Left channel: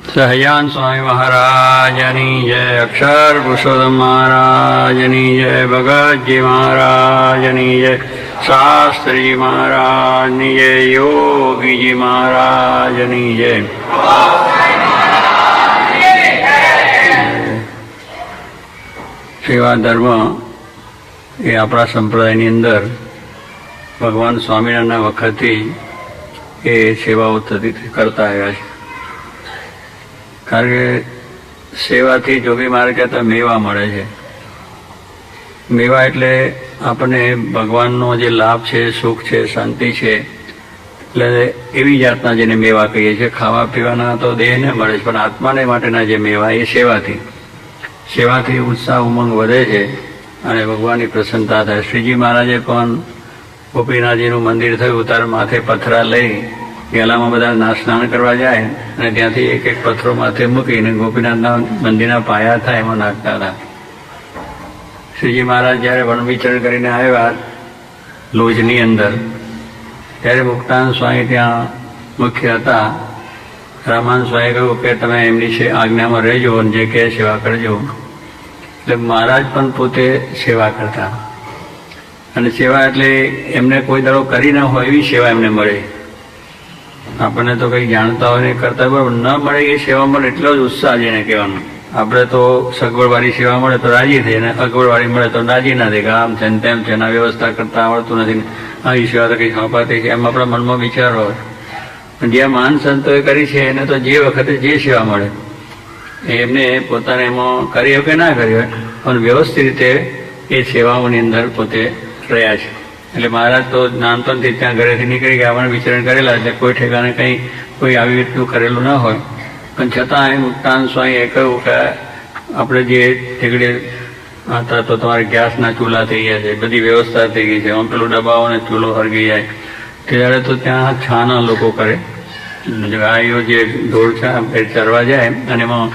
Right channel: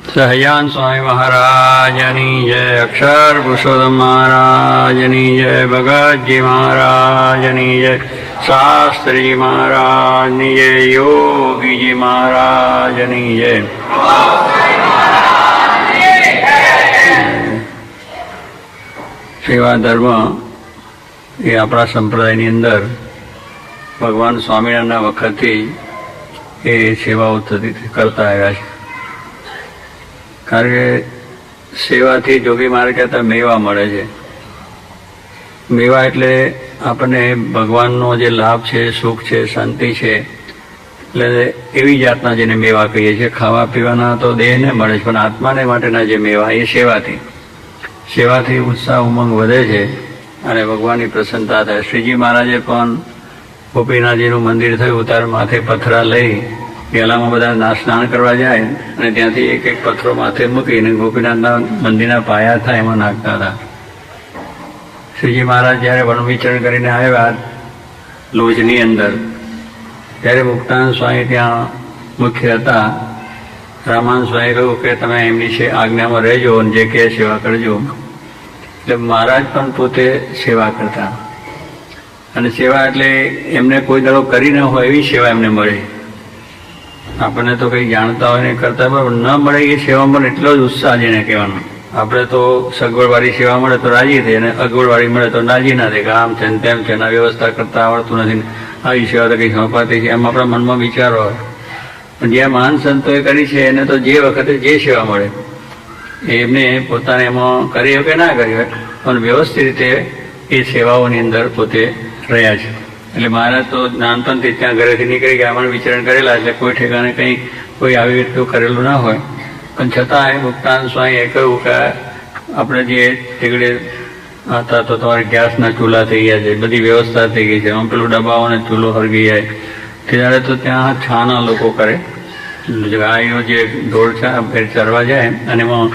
સહજાન સ્વામી મહારાજની જય, અક્ષર પુરુષોત્તમ મહારાજની જય, ભગતજી મહારાજની જય, શાસ્ત્રીજી મહારાજની જય, યોગીજી મહારાજની જય. સેવા ધર્મ એ આપણા સંપ્રદાયની અંદર ભગવાન સ્વામિનારાયણના વખતથી એ સેવાઓ કરતા આવ્યા છે. કારણ કે સેવાથી જોગી મહારાજ કહેતા મેવા મળે છે. મેવા એટલે આપણને ભગવાનનો જે લાભ છે, સુખ છે, શાંતિ છે, એટલે એવી જાતના જેને મેવા કહીએ છીએ. ખાવા પીવાના તો દેહને મળે છે, પણ આત્માને માટેના જે મેવા એ સેવાથી ઉત્સાહ ઉમંગ વધે છે અને ભગવાનની પ્રસન્નતા થાય. શ્રીજી મહારાજે પણ ગોપીનાથજીનું મંદિર થયું ત્યારે માથે પથરા લઈ પહેલામાં બધા સ્નાન કરવા જાય અને ત્યાંથી એક એક પથ્થરો માથે મૂકીને ગોપીનાથના મંદિરના પાયા થાય એમાં નાખતા હતા. શ્રીજી મહારાજ જ્યારે વન વિચરણ કરીને આવ્યા લોજની અંદર, ત્યારે મુક્તાનંદ સ્વામી ત્યાં મુખ્ય હતા. રામાનંદ સ્વામી કહ્યું કે તમે એમની આજ્ઞામાં રહેજો અને જે કહે સેવા કરજો. એટલે મહારાજ પણ પોતે સેવા કરતા, અને સેવા એટલે એમને કોઈ દાડો કરી ના હોય એવી સેવા એમને મળે. આપણને તો કંઈ જાણતા હોય ને કરતા બરાબર ન મળે એ સેવા મળે એટલો જ ઉત્સાહ જેને કહેવાનો. આપણે તો સગવડવાળી સેવા મળે તો રાજી થઈ, અને અગવડવાળી મળે તો રાજી ના થાય કે આમ છે ને તેમ છે, એના વ્યવસ્થા કરતા આવડતું નથી, આવી સેવા તો કંઈ અપાતી છે, એમ આપણા મનમાં વિચારો હોય. પણ જ્યાં મહાન સંતોએ કરી છે એને તો જે વખતે જે સેવા મળે એમને પોતાને એમાં કરી હોય કે ના કરી હોય, પણ વ્યવસ્થિત રીતે એ સેવાઓની અંદર પોતે રહ્યા છે. એટલે મહારાજ તો નાનપણથી ત્યાં ઘરેથી નીકળી ગયા, પણ વિચરણ કરેલા, એટલે કોઈ ઠેકાણે કંઈ કોઈ આવી રીતનું કરેલું ના હોય. પણ છતાં એ મુક્તાનંદ સ્વામીએ કહ્યું કે આપણે જે ઠેકડે હતા તો તમારે ગેસના ચૂલા થઈ ગયા છે, બધી વ્યવસ્થા થઈ ગઈ છે, એમાં પેલું ડબ્બાઓને ચૂલો હરગી જાય. ત્યારે તો ત્યાં છાના લોકો કરે, ગાયો જે ઢોર ચરવા જાય અને એમાં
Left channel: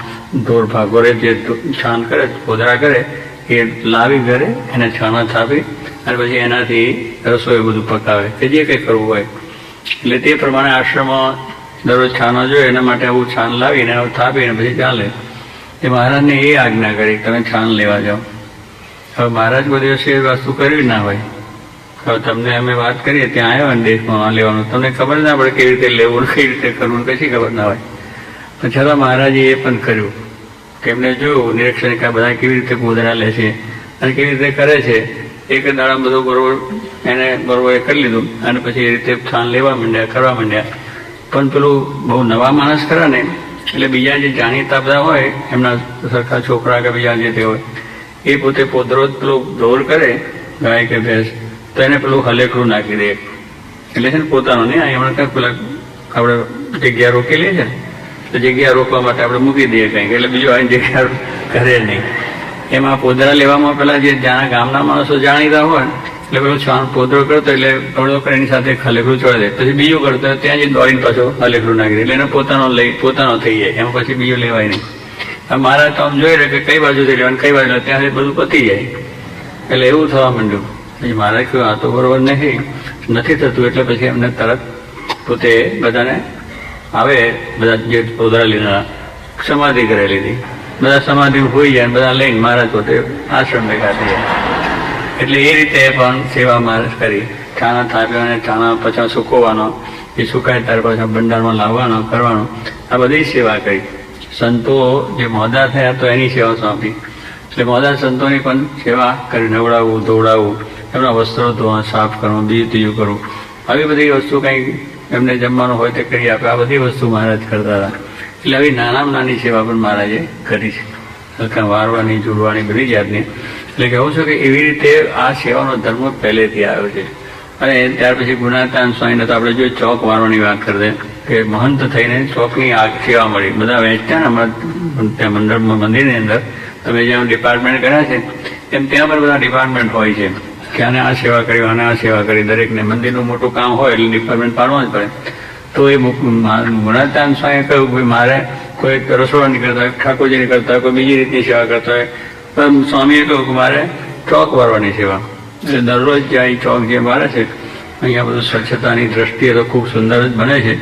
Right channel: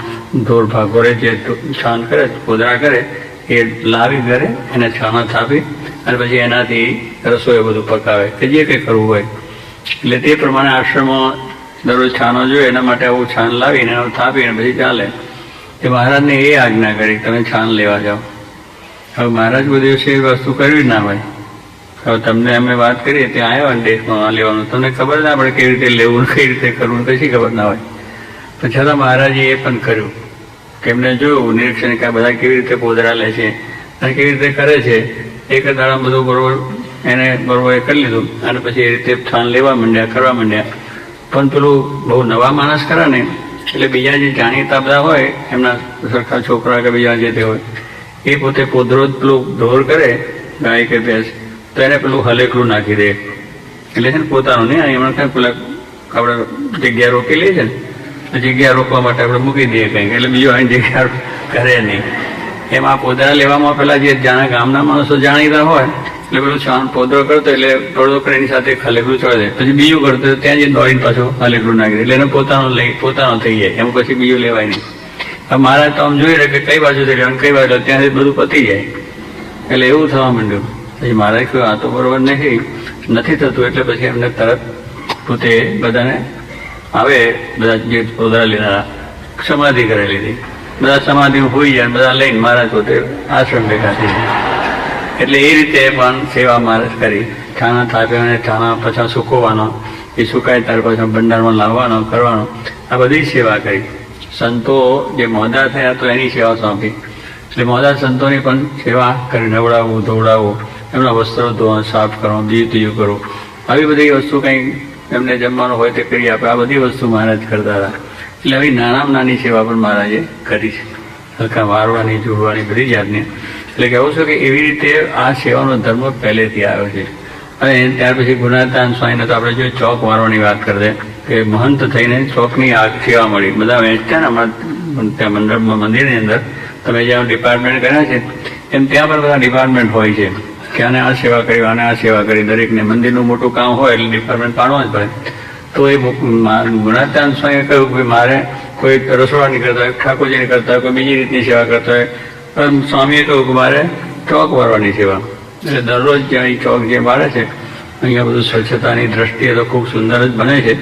ઢોર ભાગોરે જે છાન કરે, કોદરા કરે, એ લાવી ઘરે અને છાના થાપી અને પછી એનાથી રસોઈ બધું પકાવે કે જે કંઈ કરવું હોય. એટલે તે પ્રમાણે આશ્રમમાં દરરોજ છાનો જોઈએ, એના માટે આવું છાન લાવીને થાપીને પછી ચાલે. તે મહારાજને એ આજ્ઞા કરી તમે છાન લેવા જાઓ. હવે મહારાજ કોઈ દિવસે એ વસ્તુ કરવી ના ભાઈ. હવે તમને અમે વાત કરીએ ત્યાં આવ્યા ને દેશમાં આ લેવાનું, તમને ખબર ના પડે કેવી રીતે લેવું, કઈ રીતે કરવું, કશી ખબર ના હોય. તો છતાં મહારાજે એ પણ કર્યું કે એમને જોયું નિરીક્ષણ કે આ બધા કેવી રીતે કોદરા લે છે અને કેવી રીતે કરે છે. એક દાડા બધું બરોબર એને બરોબર એ કરી લીધું અને પછી એ રીતે છાન લેવા માંડ્યા, કરવા માંડ્યા. પણ પેલું બહુ નવા માણસ કરે ને એટલે બીજા જે જાણીતા બધા હોય એમના સરખા છોકરા કે બીજા જે તે હોય એ પોતે પોદરો જ પેલું ઢોર કરે, ગાય કે ભેંસ, તો એને પેલું હલેકડું નાખી દે. એટલે છે ને પોતાનું નહીં, એમણે કંઈ પેલા આપણે જગ્યા રોકી લઈએ છે ને, તો જગ્યા રોકવા માટે આપણે મૂકી દઈએ કંઈક, એટલે બીજું આની જગ્યા કરે નહીં. એમાં પોદરા લેવામાં પેલા જે ગામના માણસો જાણીતા હોય એટલે પેલો છાન પોદરો કરતો એટલે થોડો કરીને સાથે હલેકડું ચોડી દે, પછી બીજું કરતો ત્યાં જઈને દોડીને પાછું હલેકડું નાખી દે, એટલે એને પોતાનો થઈ જાય, એમ પછી બીજું લેવાય નહીં. હવે મહારાજ તો આમ જોઈ રહે કે કઈ બાજુથી લેવાનું કઈ બાજુ, ત્યાં બધું પતી જાય. એટલે એવું થવા માંડ્યું. પછી મહારાજ કહ્યું આ તો બરોબર નથી થતું. એટલે પછી એમને તરત પોતે બધાને આવે, બધા જે પોદરા લીધા સમાધિ કરી લીધી, બધા સમાધિ હોઈ ગયા, બધા લઈને મહારાજ પોતે આશ્રમ ભેગા થઈ ગયા. એટલે એ રીતે પણ સેવા મહારાજ કરી. છાના થાપ્યા અને છાના પછી સુકવવાનો, એ સુકાય ત્યાર પછી ભંડારમાં લાવવાનો, કરવાનો, આ બધી સેવા કરી. સંતો જે મોદા થયા તો એની સેવા સોંપી. એટલે મોદા સંતોની પણ સેવા કરી, નવડાવવું, ધોવડાવવું, એમના વસ્ત્રો ધોવા, સાફ કરવા, બીજું ત્રીજું કરવું, આવી બધી વસ્તુ કંઈ એમને જમવાનું હોય તે કરી આપે. આ બધી વસ્તુ મહારાજ કરતા હતા. એટલે આવી નાનામાં નાની સેવા પણ મહારાજે કરી છે, વારવાની, જોડવાની, બધી જાતની. એટલે કહેવું છું કે એવી રીતે આ સેવાનો ધર્મ પહેલેથી આવ્યો છે. અને ત્યાર પછી ગુણાતાન સ્વામીને તો આપણે જોઈએ ચોક વારવાની વાત કરીએ કે મહંત થઈને ચોકની આ સેવા મળી. બધા વહેંચ્યા ને અમારા ત્યાં મંદિરની અંદર તમે જ્યાં ડિપાર્ટમેન્ટ કર્યા છે એમ ત્યાં પણ બધા ડિપાર્ટમેન્ટ હોય છે કે આને આ સેવા કરી, આને આ સેવા કરી. દરેકને મંદિરનું મોટું કામ હોય એટલે ડિપાર્ટમેન્ટ પાડવા જ પડે. તો એ ગુણાતાન સ્વામીએ કહ્યું કે મારે કોઈ રસોડાની કરતા હોય, ઠાકોરજીની કરતા હોય, કોઈ બીજી રીતની સેવા કરતા હોય, પણ સ્વામીએ કહ્યું કે મારે ચોક વારવાની સેવા. એટલે દરરોજ જ્યાં ચોક જે મારે છે અહીંયા બધું સ્વચ્છતાની દ્રષ્ટિએ તો ખૂબ સુંદર જ બને છે,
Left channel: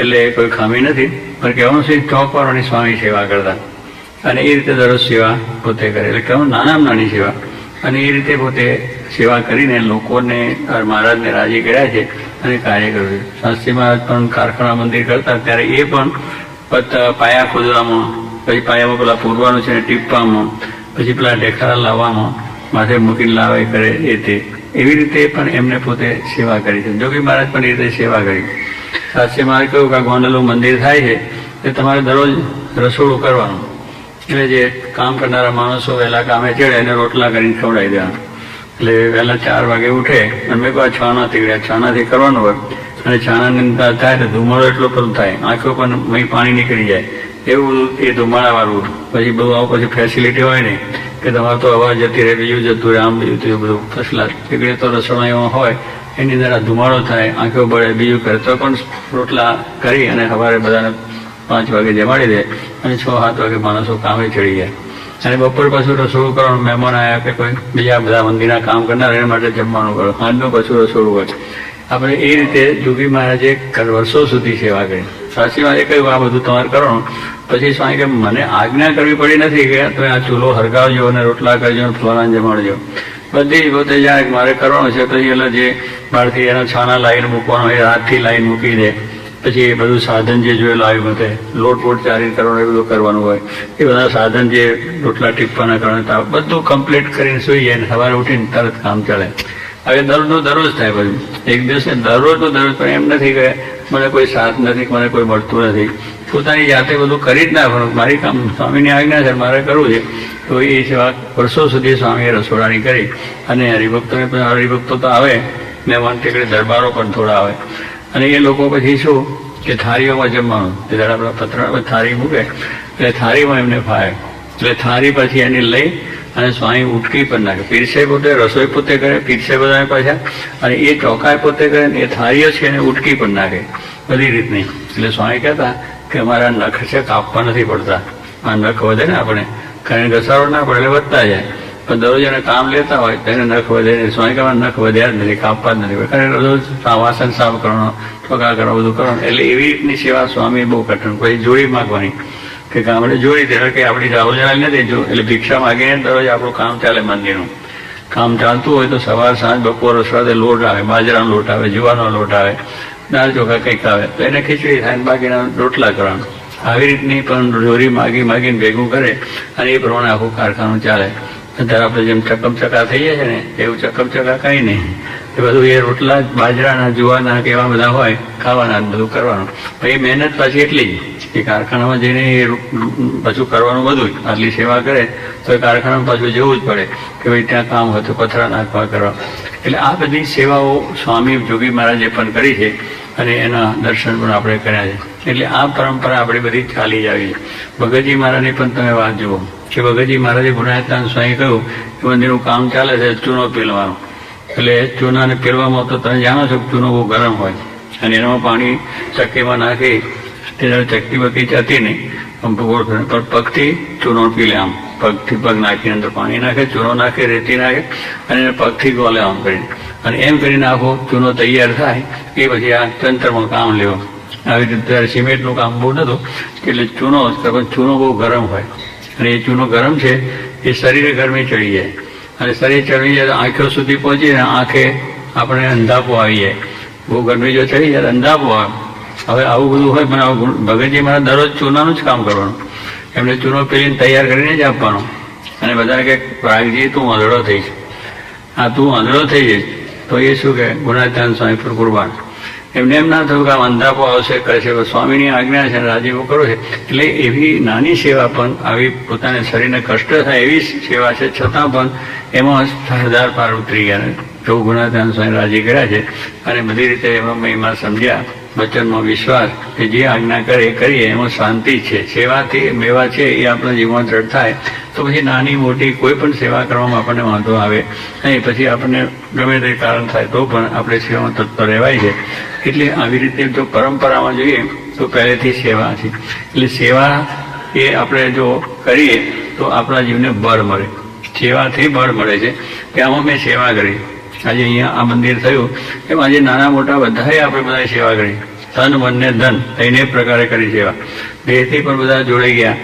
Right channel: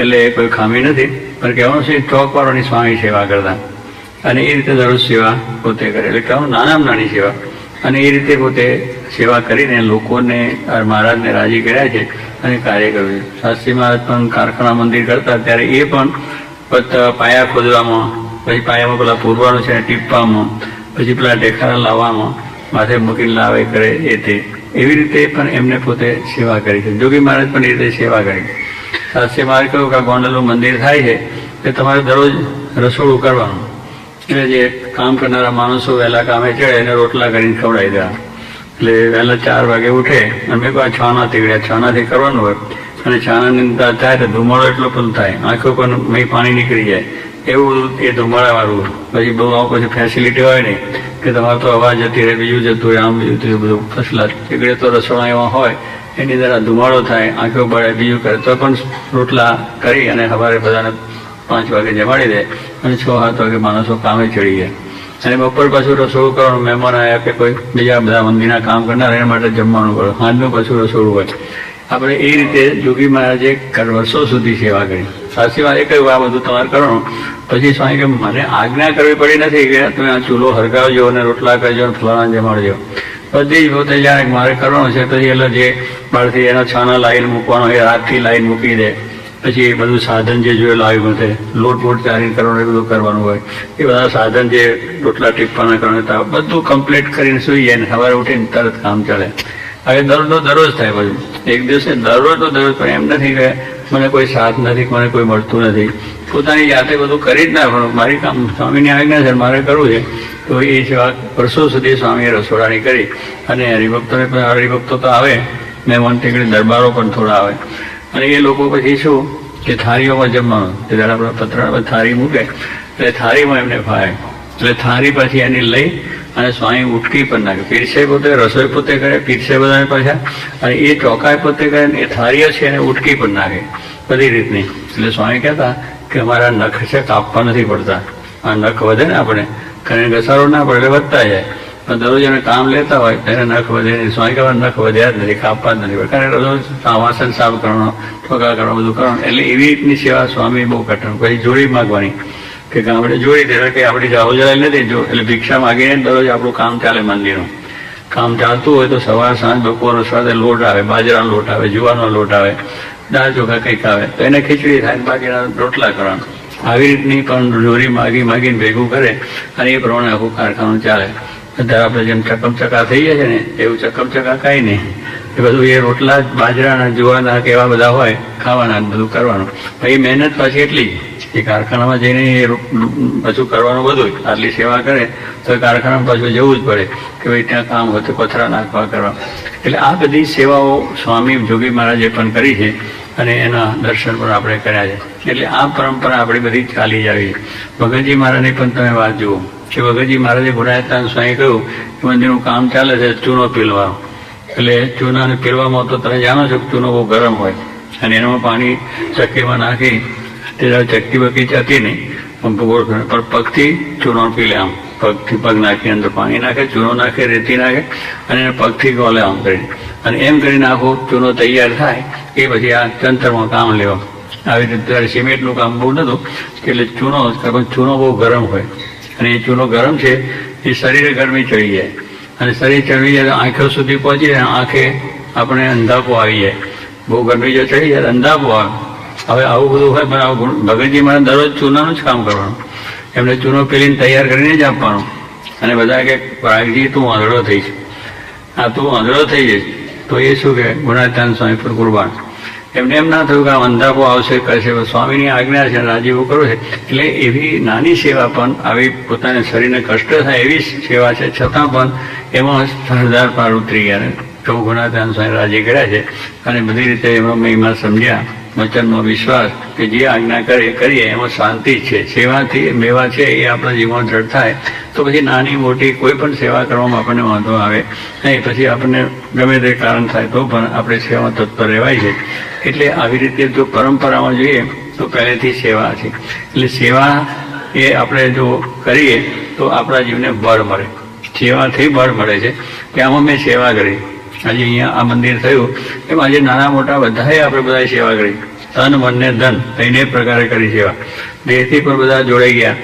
એટલે કોઈ ખામી નથી. પણ કહેવાનું છે ચોકવાળોની સ્વામી સેવા કરતા, અને એ રીતે દરરોજ સેવા પોતે કરે. એટલે કહેવાનું નાનામાં નાની સેવા, અને એ રીતે પોતે સેવા કરીને લોકોને મહારાજને રાજી કર્યા છે અને કાર્ય કર્યું છે. શાસ્ત્રી મહારાજ પણ કારખાના મંદિર કરતા ત્યારે એ પણ પાયા ખોદવામાં, પછી પાયામાં પેલા પૂરવાનું છે ટીપવામાં, પછી પેલા ઢેખારા લાવવામાં, માથે મૂકીને લાવે કરે એ તે, એવી રીતે પણ એમને પોતે સેવા કરી છે. જોગી મહારાજ પણ એ રીતે સેવા કરી. શાસ્ત્રી મહારાજ કહ્યું કે આ ગોંડલનું મંદિર થાય છે એ તમારે દરરોજ રસોડું કરવાનું, એટલે જે કામ કરનારા માણસો વહેલા કામે ચડે એને રોટલા કરીને ખવડાવી દેવાના. એટલે વહેલા 4 વાગે ઉઠે અને મેં કહ્યું છાના તીગડ્યા, છાનાથી કરવાનું હોય, અને છાનાની અંદર થાય તો ધુમાડો એટલો પણ થાય, આંખો પણ અહીં પાણી નીકળી જાય, એવું એ ધુમાડાવાળું. પછી બહુ પછી ફેસિલિટી હોય નહીં કે તમારે તો અવાજ જતી રહે, બીજું જતું રહે, આમ બીજું થયું બધું ફસલા. તીગડે તો રસોડા એવા હોય એની અંદર ધુમાડો થાય, આંખો પડે, બીજું કરે તો પણ રોટલા કરી અને સવારે બધાને 5 વાગે જમાડી દે અને 6-7 વાગે માણસો કામે ચડી જાય. અને બપોર પાછું રસોડું કરવાનું, મહેમાન આવ્યા કે કોઈ બીજા બધા મંદિરના કામ કરનાર એના માટે જમવાનું કરો, સાંજનું પાછું રસોડું હોય. આપણે એ રીતે જોગી મહારાજે વર્ષો સુધી સેવા કરી. સાચી વાત એ કહ્યું આ બધું તમારે કરવાનું. પછી સ્વામી કે મને આજ્ઞા કરવી પડી નથી કે તમે આ ચૂલો હરગાવજો અને રોટલા કરજો અને ફ્લોરાન જમાડજો. બધી જ પોતે જાણે મારે કરવાનું છે. પછી એટલે જે બહારથી એનો છાના લાઈન મૂકવાનો એ રાતથી લાઈન મૂકી દે. પછી એ બધું સાધન જે જોયેલું આવ્યું બધે લોટ બોટ ચારી કરવાનું એ બધું કરવાનું હોય, એ બધા સાધન જે રોટલા ટીપવાના કરવાના બધું કમ્પ્લીટ કરીને સુઈ જાય ને સવારે ઉઠીને તરત કામ ચાલે. હવે દરરોજ થાય. પછી એક દિવસે દરરોજ પણ એમ નથી કે મને કોઈ સાથ નથી, મને કોઈ મળતું નથી, પોતાની જાતે બધું કરી જ નાખવાનું. મારી કામ સ્વામીની આજ્ઞા છે, મારે કરવું છે. તો એ સેવા વર્ષો સુધી સ્વામીએ રસોડાની કરી. અને હરિભક્તો તો આવે ને ટેકડી દરબારો પણ થોડા આવે, અને એ લોકો પછી શું કે થાળીઓમાં જમવાનું, જ્યારે આપણા પતરામાં થાળી મૂકે એટલે થાળીમાં એમને ફાવે. એટલે થાળી પછી એની લઈ અને સ્વામી ઉટકી પણ નાખે. પીરસે પોતે, રસોઈ પોતે કરે, પીરસે બધા પાછા, અને એ ચોકાય પોતે કરે, એ થાળીઓ છે એને ઉટકી પણ નાખે બધી રીતની. એટલે સ્વામી કહેતા કે અમારા નખ છે કાપવા નથી પડતા. આ નખ વધે ને આપણે, કારણ કે ઘસારો ના પડે વધતા જાય, પણ દરરોજ એને કામ લેતા હોય એને નખ વધે નહીં. સ્વામી કહેવા નખ વધ્યા જ નથી, કાપવા જ નથી, કારણ રોજ વાસણ સાફ કરવાનો, ઠોકા કરવા બધું કરવાનું. એટલે એવી રીતની સેવા સ્વામી બહુ કઠણ. પછી જોડી માગવાની કે ગામડે જોડી દે કે આપણી રાહુલ જરાય નથી જો, એટલે ભિક્ષા માગીને દરરોજ આપણું કામ ચાલે. મંદિરનું કામ ચાલતું હોય તો સવાર સાંજ બપોર સાથે લોટ આવે, બાજરાનો લોટ આવે, જુવાનો લોટ આવે, દાળ ચોખા કંઈક આવે તો એને ખીચડી થાય, બાકીના રોટલા કરવાના. આવી રીતની પણ જોરી માગીને ભેગું કરે અને એ પ્રમાણે આખું કારખાનું ચાલે. અત્યારે આપણે જેમ ચકમચકા થઈએ છે ને એવું ચકમચકા કાંઈ નહીં. એ બધું એ રોટલા બાજરાના જુવાના કે એવા બધા હોય ખાવાના બધું કરવાનું. પણ એ મહેનત પાછી એટલી એ કારખાનામાં જઈને એ પાછું કરવાનું બધું. આટલી સેવા કરે તો એ કારખાનામાં પાછું જવું જ પડે કે ભાઈ ત્યાં કામ હોય તો પથરા નાખવા કરવા. એટલે આ બધી સેવાઓ સ્વામી જોગી મહારાજે પણ કરી છે અને એના દર્શન પણ આપણે કર્યા છે. એટલે આ પરંપરા આપણે બધી ચાલી જ આવી. ભગતજી મહારાજની પણ તમે વાત જુઓ કે ભગતજી મહારાજે ગુણાયતાન સ્વામી કહ્યું કે મંદિરનું કામ ચાલે છે ચૂનો પીલવાનો. એટલે ચૂનાને પીલવામાં તો તમે જાણો છો કે ચૂનો બહુ ગરમ હોય અને એનામાં પાણી ચક્કીમાં નાખી ત્યારે ચક્કી બકી જતી નહીં, આમ ભૂગોળ પણ પગથી ચૂનો પી લે. આમ પગથી પગ નાખી અંદર પાણી નાખે, ચૂનો નાખે, રેતી નાખે અને પગથી ગોલે આમ કરીને. અને એમ કરીને આખો ચૂનો તૈયાર થાય એ પછી આ તંત્રમાં કામ લેવા. આવી રીતે સિમેન્ટનું કામ બહુ નહોતું એટલે ચૂનો બહુ ગરમ હોય અને એ ચૂનો ગરમ છે એ શરીરે ગરમી ચડી જાય અને શરીર ચડી જાય તો આંખો સુધી પહોંચી જાય, આંખે આપણે અંધાપો આવી જાય. બહુ ગરમી જો ચડી જાય અંધાપો આવે. હવે આવું બધું હોય પણ આવું ભગતજી મારે દરરોજ ચૂનાનું જ કામ કરવાનું. એમને ચૂનો પીલીને તૈયાર કરીને જ આપવાનો. અને બધા કે રાગજી તું આંધળો થઈશ, આ તું આંધળો થઈ જઈશ તો એ શું કે ગુણાત્યાન સ્વામી પર કુરબાન. એમને એમ ના થયું કે આ અંધાપો આવશે કશે, સ્વામીની આજ્ઞા છે રાજીવું કરો છે. એટલે એવી નાની સેવા પણ આવી પોતાના શરીરને કષ્ટ થાય એવી સેવા છે છતાં પણ એમાં 1000 પાર ઉતરી ગયા. તો ગુણાત્યાન સ્વામી રાજી કર્યા છે અને બધી રીતે એમાં મહિમા સમજ્યા. વચનમાં વિશ્વાસ કે જે આજ્ઞા કરે કરીએ એમાં શાંતિ જ છે. સેવાથી મેવા છે એ આપણા જીવનમાં દ્રઢ થાય તો પછી નાની મોટી કોઈ પણ સેવા કરવામાં આપણને વાંધો આવે નહીં. પછી આપણને ગમે તે કારણ થાય તો પણ આપણે સેવામાં તત્પર રહેવાય છે. એટલે આવી રીતે જો પરંપરામાં જોઈએ તો પહેલેથી સેવા છે. એટલે સેવા એ આપણે જો કરીએ તો આપણા જીવને બળ મળે. સેવાથી બળ મળે છે કે આમાં મેં સેવા કરી. આજે અહીંયા આ મંદિર થયું એમ આજે નાના મોટા બધાએ આપણે બધા સેવા કરી, તન મન ને ધન એને પ્રકારે કરી સેવા. દેહથી પણ બધા જોડાઈ ગયા.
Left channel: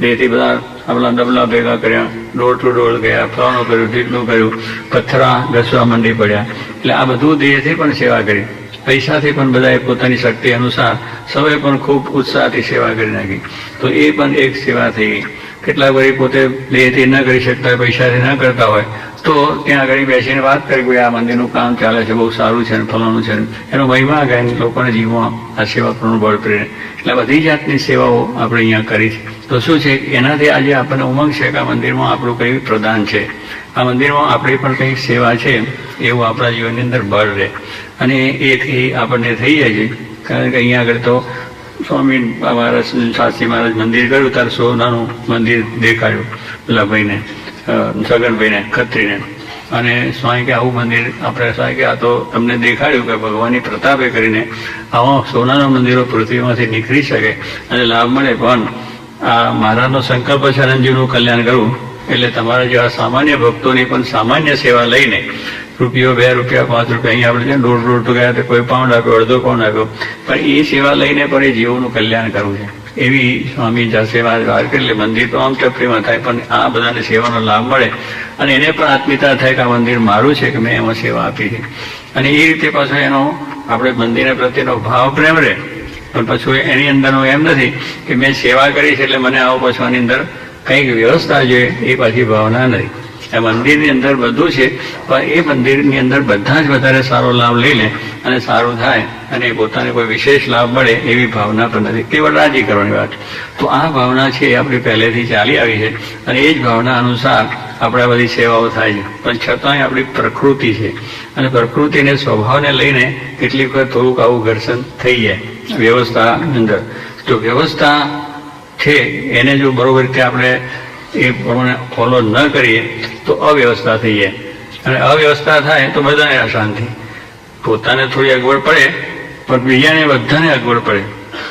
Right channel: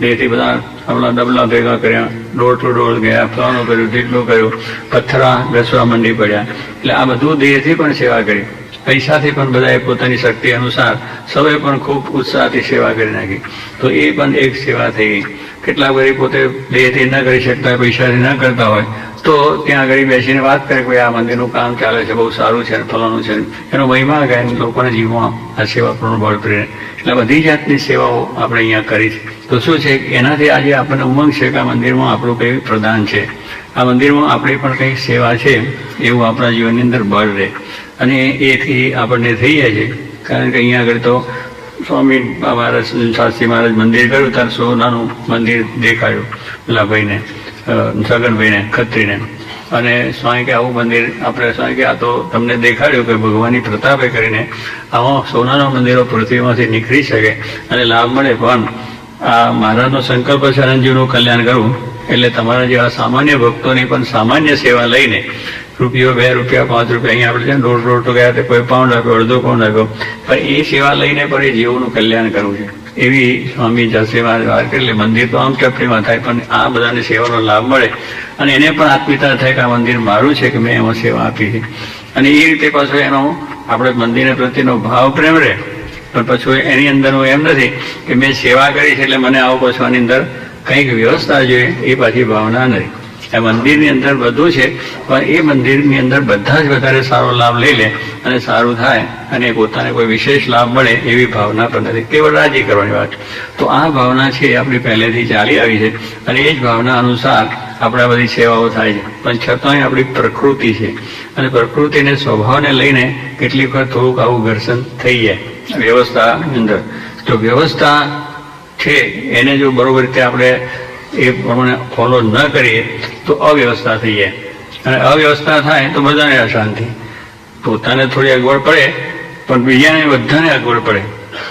દેહથી બધા આપણા ડબલા ભેગા કર્યા, ડોર ટુ ડોર ગયા, ફલાણું કર્યું, ઢીકલું કર્યું, પથ્થરા ઘસવા માંડી પડ્યા. એટલે આ બધું દેહથી પણ સેવા કરી. પૈસાથી પણ બધાએ પોતાની શક્તિ અનુસાર સૌએ પણ ખૂબ ઉત્સાહથી સેવા કરી નાખી. તો એ પણ એક સેવા થઈ ગઈ. કેટલાક ભાઈ પોતે દેહથી ન કરી શકતા, પૈસાથી ન કરતા હોય તો ત્યાં આગળ બેસીને વાત કરે કે આ મંદિરનું કામ ચાલે છે, બહુ સારું છે, ફલાણું છે, એનો મહિમા ગાય લોકોને જીવવા આ સેવા પૂર્ણ બળ પ્રેરે. એટલે બધી જાતની સેવાઓ આપણે અહીંયા કરી છે. તો શું છે, એનાથી આજે આપણને ઉમંગ છે કે આ મંદિરમાં આપણું કંઈ પ્રદાન છે, આ મંદિરમાં આપણી પણ કંઈક સેવા છે, એવું આપણા જીવનની અંદર બળ રહે. અને એથી આપણને થઈ જાય છે. કારણ કે અહીંયા આગળ તો સ્વામી મહારાજ શાસ્ત્રી મહારાજ મંદિર ગયું ત્યારે સોનાનું મંદિર દેખાયું પેલા ભાઈને, સગનભાઈને, ખત્રીને. અને સ્વામી કે આવું મંદિર આપણે સ્વામી કે આ તો તમને દેખાડ્યું કે ભગવાનની પ્રતાપે કરીને આવા સોનાના મંદિરો પૃથ્વીમાંથી નીકળી શકે અને લાભ મળે. પણ આ મહારાજનો સંકલ્પ છે અનંતજીવનું કલ્યાણ કરવું. એટલે તમારા જેવા સામાન્ય ભક્તોની પણ સામાન્ય સેવા લઈને રૂપિયો, 2 રૂપિયા, 5 રૂપિયા, અહીંયા આપણે જ્યાં દોઢ તો ગયા કોઈ પાઉન્ડ આપ્યો, અડધો પાઉન્ડ આપ્યો, પણ એ સેવા લઈને પણ એ જીવોનું કલ્યાણ કરવું છે. એવી સ્વામી સેવા એટલે મંદિર તો આમ ટપરીમાં થાય, પણ આ બધાને સેવાનો લાભ મળે અને એને પણ આત્મીયતા થાય કે આ મંદિર મારું છે કે મેં એમાં સેવા આપી છે. અને એ રીતે પાછો એનો આપણે મંદિરને પ્રત્યેનો ભાવ પ્રેમ રહે. પણ પછી એની અંદરનો એમ નથી કે મેં સેવા કરી છે એટલે મને આવો પાછો આની અંદર કંઈક વ્યવસ્થા જોઈએ, એ પાછી ભાવના નથી. એ મંદિરની અંદર બધું છે, પણ એ મંદિરની અંદર બધા જ વધારે સારો લાભ લઈ લે અને સારું થાય અને પોતાને કોઈ વિશેષ લાભ મળે એવી ભાવના પણ નથી. કેવળ રાજી કરવાની વાત. તો આ ભાવના છે એ આપણી પહેલેથી ચાલી આવી છે અને એ જ ભાવના અનુસાર આપણા બધી સેવાઓ થાય છે. પણ છતાંય આપણી પ્રકૃતિ છે અને પ્રકૃતિને સ્વભાવને લઈને કેટલીક વખત થોડુંક આવું ઘર્ષણ થઈ જાય વ્યવસ્થા અંદર. જો વ્યવસ્થા છે એને જો બરોબર રીતે આપણે એ પ્રમાણે ફોલો ન કરીએ તો અવ્યવસ્થા થઈ જાય. અને અવ્યવસ્થા થાય તો બધાને અશાંતિ. પોતાને થોડી અગવડ પડે પણ બીજાને બધાને અગવડ પડે.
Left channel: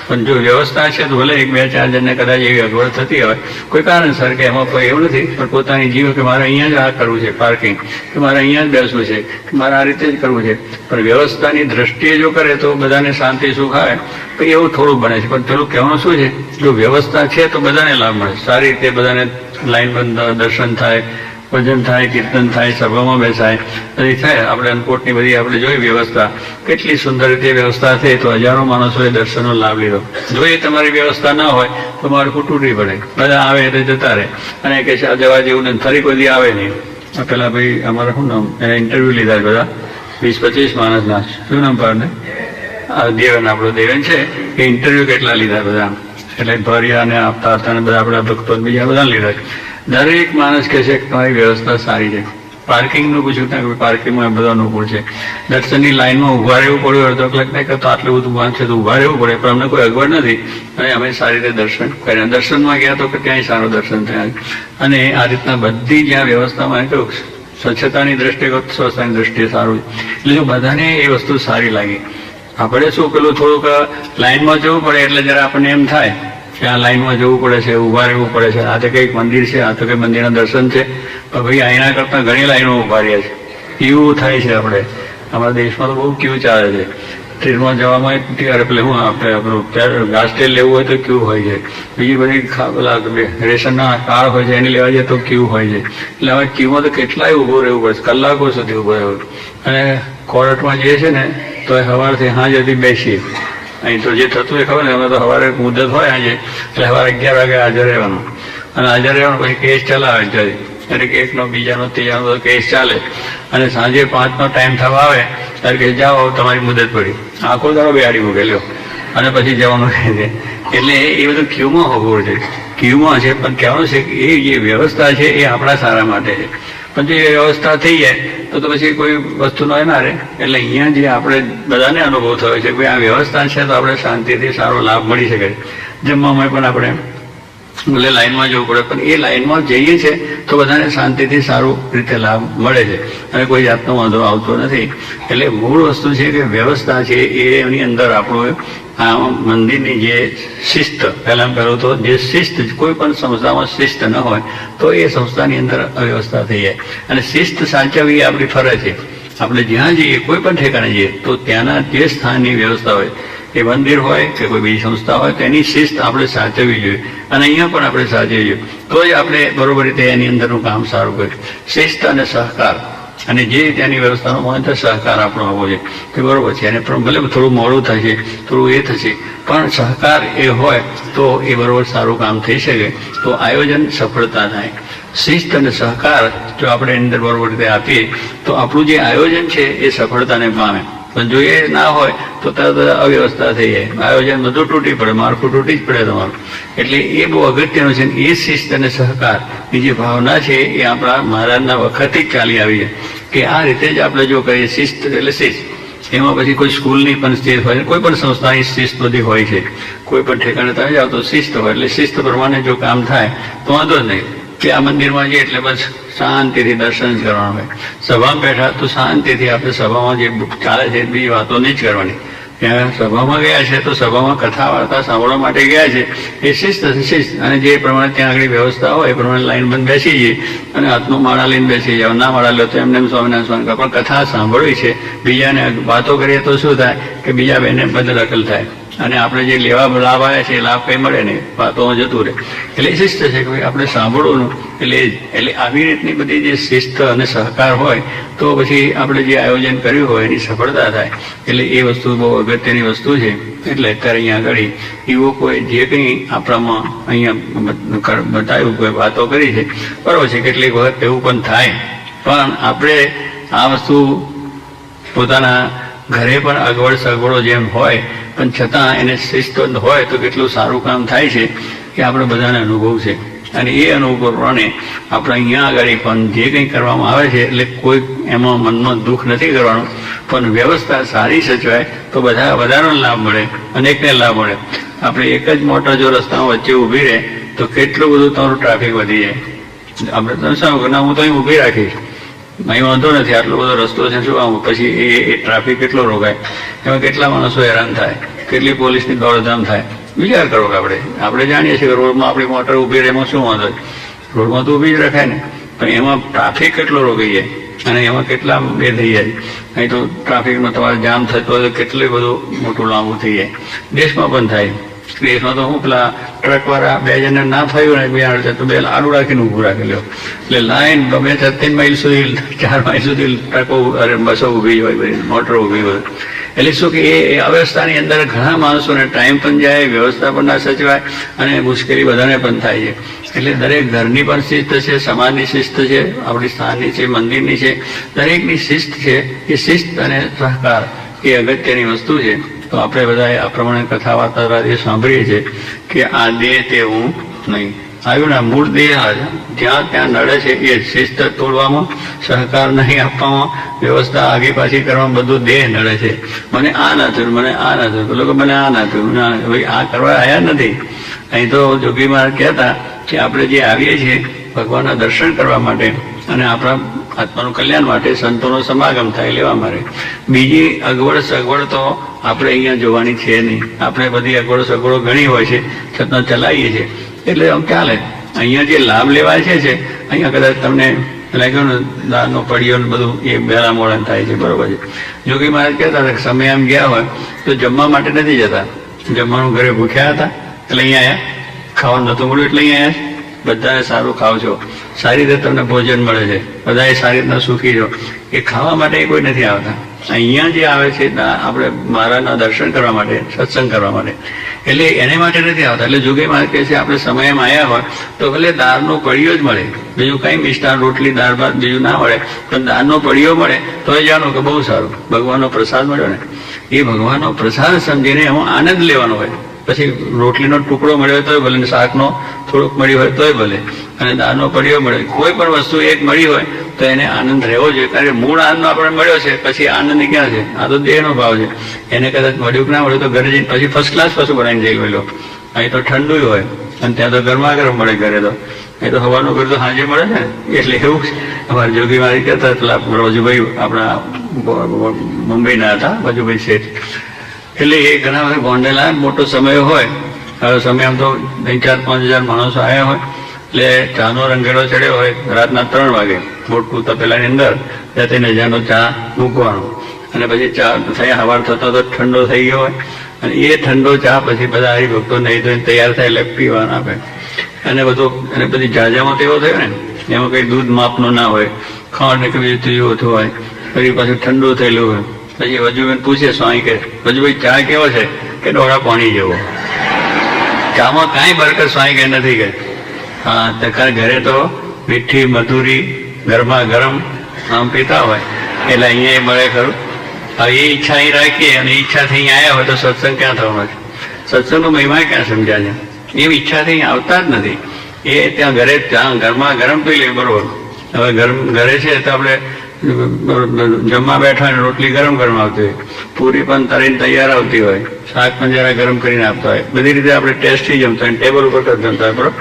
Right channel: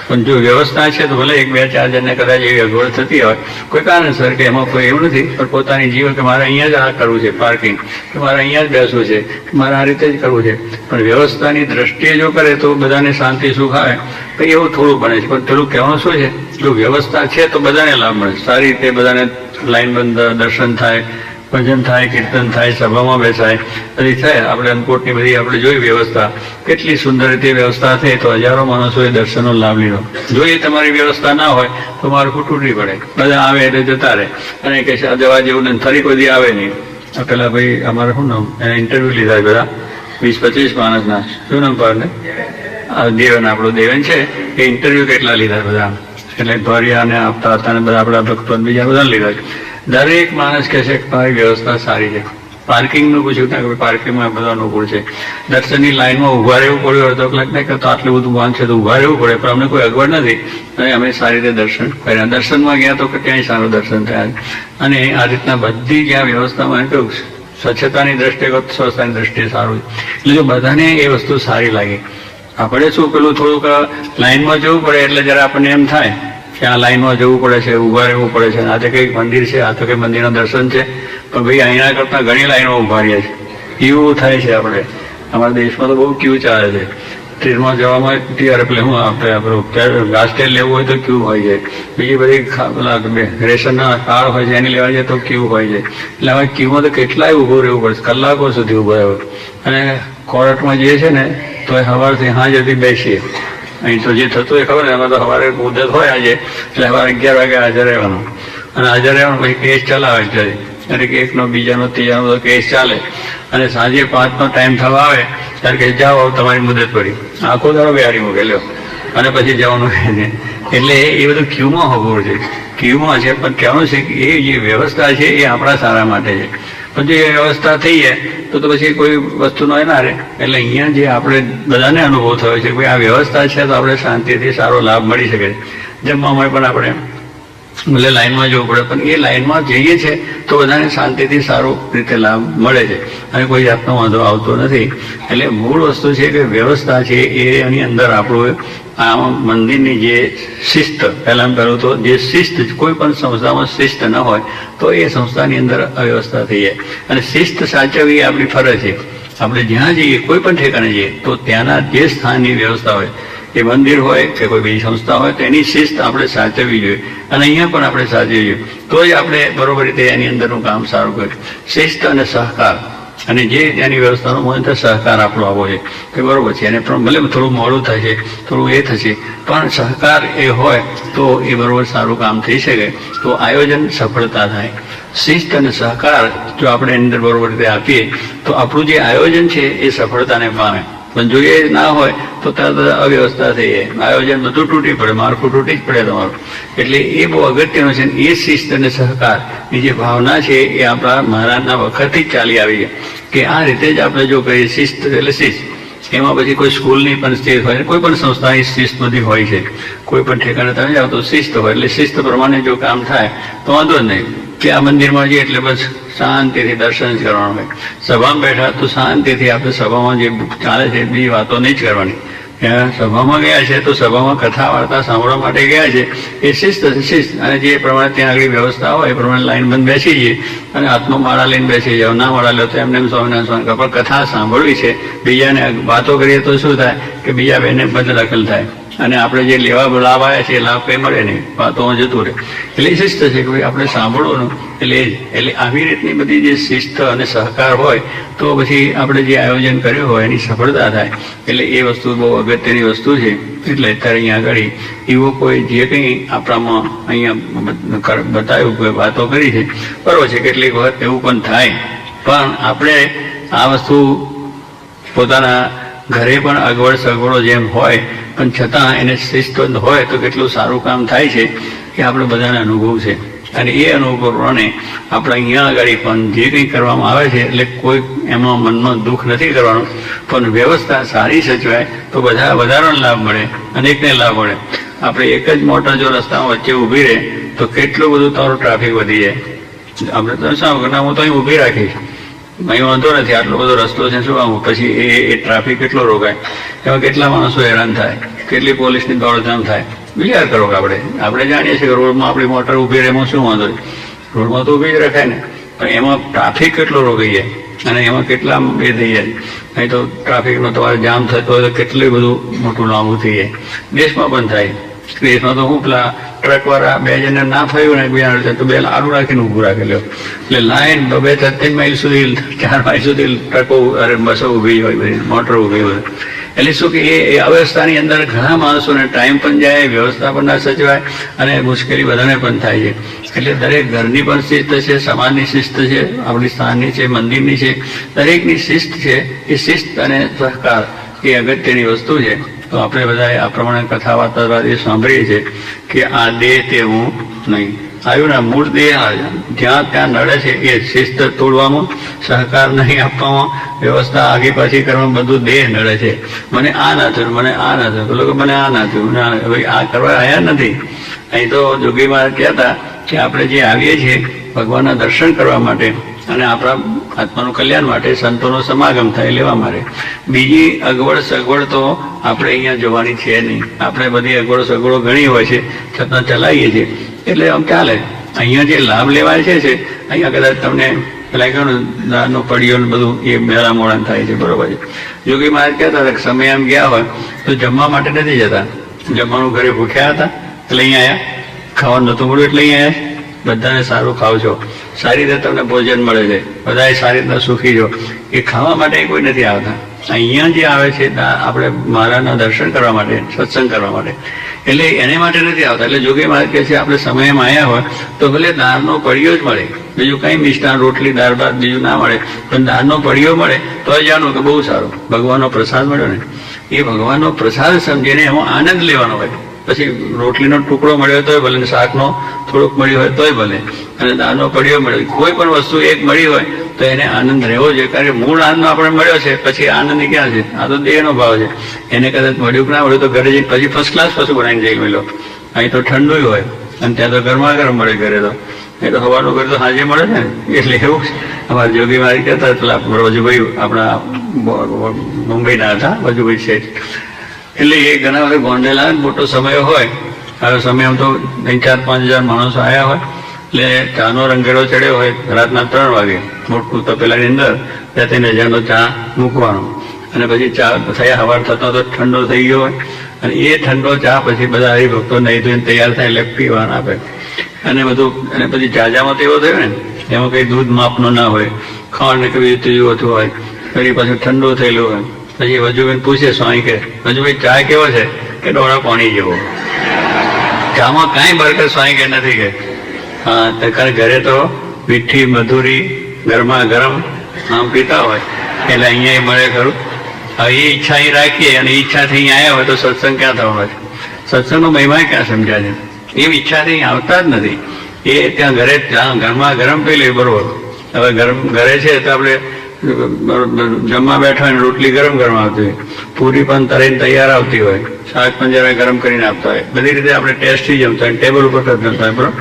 પણ જો વ્યવસ્થા છે તો ભલે 1-2-4 જણને કદાચ એવી અગવડ થતી હોય કોઈ કારણસર કે એમાં કોઈ એવું નથી, પણ પોતાની જીવ કે મારે અહીંયા જ આ કરવું છે પાર્કિંગ, કે મારે અહીંયા જ બેસવું છે, કે મારે આ રીતે જ કરવું છે. પણ વ્યવસ્થાની દ્રષ્ટિએ જો કરે તો બધાને શાંતિ સુખ આવે તો એવું થોડું બને છે. પણ પેલું કહેવાનું શું છે, જો વ્યવસ્થા છે તો બધાને લાભ મળે. સારી રીતે બધાને લાઈનબંધ દર્શન થાય, ભજન થાય, કીર્તન થાય, સભામાં બેસાય, બધી થાય. આપણે અન્નકોટની બધી આપણે જોઈ વ્યવસ્થા, કેટલી સુંદર રીતે વ્યવસ્થા થઈ તો હજારો માણસોએ દર્શનનો લાભ લીધો. જો એ તમારી વ્યવસ્થા ના હોય તો માળખું તૂટી પડે, બધા આવે એટલે જતા રહે અને કે જવા જેવું ને ફરી કોઈ દી આવે નહીં. પેલા ભાઈ અમારે શું નામ, એને ઇન્ટરવ્યુ લીધા બધા 20-25 માણસના, શું નામ પાડને, દેવન, આપણો દેવન છે, એ ઇન્ટરવ્યુ કેટલા લીધા બધા, એટલે ભર્યા ને આપતા હતા ને બધા આપણા ભક્તો બીજા બધા લીધા. દરેક માણસ કહે છે કે તમારી વ્યવસ્થા સારી છે. પાર્કિંગનું પૂછ્યું કે પાર્કિંગમાં બધા અનુકૂળ છે. દર્શનની લાઈનમાં ઉભા રહેવું પડ્યું, અડધો કલાક ને કરતો આટલું બધું વાંચ છે તો ઉભા રહેવું પડે, પણ અમને કોઈ અગવડ નથી અને અમે સારી રીતે દર્શન કર્યા. દર્શનમાં ગયા તો ક્યાંય સારું દર્શન થયા. અને આ રીતના બધી જ્યાં વ્યવસ્થામાં કેવું સ્વચ્છતાની દ્રષ્ટિએ, સ્વચ્છતાની દ્રષ્ટિએ સારું. એટલે જો બધાને એ વસ્તુ સારી લાગી. આપણે શું પેલું થોડુંક લાઈનમાં જવું પડે એટલે જરા આપણને એમ થાય કે આ લાઈનમાં જવું પડે છે, ઉભા રહેવું પડે છે, આ તો કંઈક મંદિર છે, આ તો કંઈક મંદિરના દર્શન છે, પણ ભાઈ અહીંના કરતા ઘણી લાઈનો ઉભા રહ્યા છે એવું થાય છે. આપણે અમારા દેશમાં તો બહુ ક્યુ ચાલે છે. ટ્રેનમાં જવામાં ત્યારે પેલે શું આપણે ઘાસ તેલ લેવું હોય તો ક્યુ હોય છે, બીજી બધી રેશનના કાર્ડ હોય છે એની લેવા જઈએ તો ક્યુ હોય છે. એટલે આવા ક્યુમાં તો કેટલાય ઊભું રહેવું પડે, કલાકો સુધી ઊભા રહેવું. અને કોર્ટમાં જઈએ છે ને તો સવારથી સાંજ સુધી બેસીએ. અહીં તો જે થતું હોય ખબર ને, એમાં તો સવારે મુદત હોય આજે, એટલે સવારે 11 વાગે હાજર રહેવાનું અને હાજર રહેવાનું પછી કેસ ચલાવે છે. એટલે કે એકનો, બીજાનો, ત્રીજાનો બધો કેસ ચાલે અને સાંજે 5નો ટાઈમ થવા આવે ત્યારે કે જાઓ તમારી મુદત પડી, આખો દાડો બેહાડી મૂકેલો અને પછી જવાનું રહે છે. એટલે એ બધું ક્યુમાં હોવું છે, ક્યુમાં છે. પણ કહેવાનું છે કે એ જે વ્યવસ્થા છે એ આપણા સારા માટે છે. પણ જો એ વ્યવસ્થા થઈ જાય તો પછી કોઈ વસ્તુનો ના રહે. એટલે અહીંયા જે આપણે બધાને અનુભવ થયો છે કે આ વ્યવસ્થા છે તો આપણે શાંતિથી સારો લાભ મળી શકે છે. જમવામાં પણ આપણે ભલે લાઈનમાં જવું પડે પણ એ લાઈનમાં જઈએ છે તો બધાને શાંતિથી સારો રીતે લાભ મળે છે અને કોઈ જાતનો વાંધો આવતો નથી. એટલે મૂળ વસ્તુ છે કે વ્યવસ્થા છે એની અંદર આપણું આ મંદિરની જે શિસ્ત, પહેલું તો જે શિસ્ત, કોઈ પણ સંસ્થામાં શિસ્ત ન હોય તો એ સંસ્થાની અંદર અવ્યવસ્થા થઈ જાય. અને શિસ્ત સાચવવી આપણી ફરજ છે. આપણે જ્યાં જઈએ, કોઈ પણ ઠેકાણે જઈએ તો ત્યાંના જે સ્થાનની વ્યવસ્થા હોય એ મંદિર હોય કે કોઈ બીજી સંસ્થા હોય તો એની શિસ્ત આપણે સાચવવી જોઈએ, અને અહીંયા પણ આપણે સાચવવી જોઈએ, તો જ આપણે બરોબર રીતે એની અંદરનું કામ સારું કરીએ. શિસ્ત અને સહકાર, અને જે ત્યાંની વ્યવસ્થાનો મહત્વ સહકાર આપણો આવવો છે કે બરોબર છે, એને પણ ભલે થોડું મોડું થશે, થોડું એ થશે, પણ સહકાર એ હોય તો એ બરોબર સારું કામ થઈ શકે, તો આયોજન સફળતા થાય. શિસ્ત અને સહકાર જો આપણે એની અંદર બરોબર રીતે આપીએ તો આપણું જે આયોજન છે એ સફળતાને પામે. પણ જો એ ના હોય તો તરત અવ્યવસ્થા થઈ જાય, આયોજન બધું તૂટી પડે, માળખું તૂટી જ પડે તમારું. એટલે એ બહુ અગત્યનું છે. એ શિસ્ત અને સહકાર ની જે ભાવના છે એ આપણા મહારાજના વખતથી જ ચાલી આવી છે કે આ રીતે જ આપણે જો કરીએ. શિસ્ત એટલે શિસ્ત, એમાં પછી કોઈ સ્કૂલની પણ શિસ્ત હોય, કોઈ પણ સંસ્થાની શિસ્ત બધી હોય છે. કોઈ પણ ઠેકાણે તમે જાઓ તો શિસ્ત હોય, એટલે શિસ્ત પ્રમાણે જો કામ થાય તો વાંધો જ નહીં. કે આ મંદિરમાં જઈએ એટલે બસ શાંતિથી દર્શન જ કરવાનું હોય. સભામાં બેઠા તો શાંતિથી આપણે સભામાં જે ચાલે છે બીજી વાતો નહીં જ કરવાની. ત્યાં સભામાં ગયા છે તો સભામાં કથા વાર્તા સાંભળવા માટે ગયા છે, એ શિસ્ત છે, શિસ્ત. અને જે પ્રમાણે ત્યાં આગળ વ્યવસ્થા હોય એ પ્રમાણે લાઈન બંધ બેસી જઈએ અને હાથમાં માળા લઈને બેસી જાવ. ના માળા લો તો એમને સ્વામિનારાયણ સ્વામી પણ કથા સાંભળવી છે. બીજાને વાતો કરીએ તો શું થાય કે બીજા બેને બદદખલ થાય, અને આપણે જે લેવા લાભ આવ્યા છે એ લાભ કંઈ મળે નહીં, વાતોમાં જતું રહે. એટલે શિસ્ત છે કે ભાઈ આપણે સાંભળવાનું. એટલે આવી રીતની બધી જે શિસ્ત અને સહકાર હોય તો પછી આપણે જે આયોજન કર્યું હોય એની સફળતા થાય. એટલે એ વસ્તુ બહુ અગત્યની વસ્તુ છે. એટલે અત્યારે અહીંયા આગળ એવું કોઈ જે કંઈ આપણામાં અહીંયા બતાવ્યું, કોઈ વાતો કરી છે બરોબર છે. કેટલીક વખત એવું પણ થાય, પણ આપણે આ વસ્તુ પોતાના ઘરે પણ અગવડ સગવડો જેમ હોય પણ છતાં એને શિસ્ત હોય તો કેટલું સારું કામ થાય છે કે આપણે બધાને અનુભવ છે. અને એ અનુભવ પ્રમાણે આપણે અહીંયા આગળ પણ જે કંઈ કરવામાં આવે છે એટલે કોઈ એમાં મનનો દુઃખ નથી કરવાનું, પણ વ્યવસ્થા સારી સચવાય તો બધા વધારે લાભ મળે, અનેકને લાભ મળે. આપણે એક જ મોટા જો રસ્તામાં વચ્ચે ઊભી રહે તો કેટલું બધું તમારું ટ્રાફિક વધી જાય. આપણે તો શું ના, હું તો અહીં ઊભી રાખીશ, અહીં વાંધો નથી, આટલો બધો રસ્તો છે, શું આવું પછી એ ટ્રાફિક કેટલો રોકાય, એમાં કેટલા માણસો હેરાન થાય, કેટલી પોલીસની દોડધામ થાય. વિચાર કરો કે આપણે જાણીએ છીએ કે રોડમાં આપણી મોટર ઊભી રહે એમાં શું વાંધો, રોડમાં તો ઊભી જ રખાય ને, પણ એમાં ટ્રાફિક કેટલો રોકાઈ જાય અને એમાં કેટલા એ થઈ જાય. અહીં તો ટ્રાફિકનો તમારે જામ થતો હોય તો કેટલું બધું મોટું લાંબુ થઈ જાય. દેશમાં પણ થાય. દેશમાં તો હું પેલા ટ્રક વાળા બે જણને ના ફાવ્યું ને બિહાર તો બે આડું રાખીને ઊભું રાખેલું, એટલે લાઈન 2-3 માઇલ સુધી, 4 માઇલ સુધી ટ્રકો અરે બસો ઊભી હોય, મોટર ઊભી હોય. એટલે શું કે એ અવ્યવસ્થાની અંદર ઘણા માણસોને ટાઈમ પણ જાય, વ્યવસ્થા પણ ના સચવાય અને મુશ્કેલી બધાને પણ થાય છે. એટલે દરેક ઘરની પણ શિસ્ત છે, સમાજની શિસ્ત છે, આપણી સ્થાનની છે, મંદિરની છે, દરેકની શિસ્ત છે. એ શિસ્ત અને સહકાર એ અગત્યની વસ્તુ છે. તો આપણે બધા આ પ્રમાણે કથા વાર્તા એ સાંભળીએ છીએ કે આ દેહ તેવું નહીં આવ્યું ના મૂળ દેહ જ્યાં ત્યાં નડે છે એ શિસ્ત તોડવામાં, સહકાર નહીં આપવામાં, વ્યવસ્થા આગી પાછી કરવામાં બધું દેહ નડે છે. મને આ ના થયું, મને આ ના થયું, લોકો મને આ ના થયું, ભાઈ આ કરવા આવ્યા નથી. અહીં તો જોગી મહારાજ કહેતા કે આપણે જે આવીએ છીએ ભગવાનના દર્શન કરવા માટે અને આપણા આત્માનું કલ્યાણ માટે, સંતોનો સમાગમ થાય લેવા માટે. બીજી અગવડ સગવડ તો આપણે અહીંયા જોવાની છે નહીં. આપણે બધી અગવડ સગવડો ઘણી હોય છે છતાં ચલાવીએ છીએ એટલે આમ ચાલે. અહીંયા જે લાભ લેવાય છે અહીંયા કદાચ તમને લાગ્યો દાળનો પડીયો બધું એ બેરા મોડા થાય છે, બરોબર છે. યોગી મહારાજ કહેતા હતા કે સમય આમ ગયા હોય તો જમવા માટે નથી જતા, જમવાનું ઘરે ભૂખ્યા હતા એટલે અહીંયા આવ્યા, ખાવાનું નતું મળ્યું એટલે અહીંયા આવ્યા. બધાને સારું ખાવ છો, સારી રીતે તમને ભોજન મળે છે, બધા સારી રીતના સુખી છો, એ ખાવા માટે કોઈ નથી આવતા. અહીંયા જે આવે છે ત્યાં આપણે મહારાજના દર્શન કરવા માટે, સત્સંગ કરવા માટે, એટલે એને માટે નથી આવતા. એટલે જોગી મહારાજ કહે છે આપણે સમયમાં આવ્યા હોય તો ભલે દાળનો પડીયો જ મળે, બીજું કઈ મિષ્ટાન રોટલી દાળ ભાત બીજું ના મળે, પણ દાળનો પડીયો મળે તો જાણો કે બહુ સારું, ભગવાનનો પ્રસાદ મળ્યો ને. એ ભગવાનનો પ્રસાદ સમજીને એમાં આનંદ લેવાનો હોય. પછી રોટલીનો ટુકડો મળ્યો તોય ભલે, શાકનો થોડોક મળ્યો હોય તોય ભલે, અને દાળનો પડીયો મળ્યો, કોઈ પણ વસ્તુ એક મળી હોય તો એને આનંદ રહેવો જોઈએ. કારણ કે મૂળ આનંદ આપણે મળ્યો છે, પછી આનંદ ક્યાં છે? આ તો દેહનો ભાવ છે. એને કદાચ મળ્યું કે ના મળ્યું તો ઘરે જઈને પછી ફર્સ્ટ ક્લાસ પાછું બનાવીને જઈ ગયેલો. અહીં તો ઠંડુ હોય અને ત્યાં તો ગરમા ગરમ મળે ઘરે તો. એ તો હવાનું ઘર તો સાંજે મળે ને. એટલે એવું અમારા જોગી મારી કરતા પેલા વજુભાઈ આપણા મુંબઈના હતા, વજુભાઈ શેઠ. એટલે એ ઘણા બધા ભોંડેલા મોટો સમય હોય. હવે સમય તો 4-5 હજાર માણસો આવ્યા હોય એટલે ચાનો રંગેડો ચડ્યો હોય રાતના 3 વાગે મોટું તપેલાની અંદર 2-3 હજારનો ચા મૂકવાનો. અને પછી ચા થઈ સવાર થતો તો ઠંડો થઈ ગયો હોય, અને એ ઠંડો ચા પછી બધા હરિભક્તો નહીં ધોઈને તૈયાર થાય એટલે પીવાના આપે. અને બધું, અને પછી જાજામાં તો એવો થયો ને, એમાં કઈ દૂધ માપનો ના હોય, ખાંડ કે બીજું ત્રીજું હતું હોય, પછી પાછું ઠંડુ થયેલું હોય. પછી વજુભાઈ પૂછે સ્વામી કે વજુભાઈ ચા કેવો છે? કે ડોળા પાણી જેવો. ચામાં કાંઈ બરકત સ્વામી કે નથી કે. હા, કારણ ઘરે તો મીઠી મધુરી ગરમા ગરમ આમ પીતા હોય એટલે અહીંયા મળે ખરું. હવે એ ઈચ્છા અહીં રાખીએ અને ઈચ્છાથી અહીં આવ્યા હોય તો સત્સંગ ક્યાં થવાનો છે? સત્સંગનો મહિમા ક્યાં સમજ્યા છે? એમ ઈચ્છાથી અહીં આવતા જ નથી. એ ત્યાં ઘરે ગરમા ગરમ પી લે બરોબર. હવે ઘરે છે તો આપણે જમવા બેઠા હોય, રોટલી ગરમ ગરમ આવતી હોય, પૂરી પણ તરીને તૈયાર આવતી હોય, શાક પણ જરા ગરમ કરીને આપતા હોય, બધી રીતે આપણે ટેસ્ટથી જમતા હોય, ટેબલ ઉપર જમતા હોય બરોબર.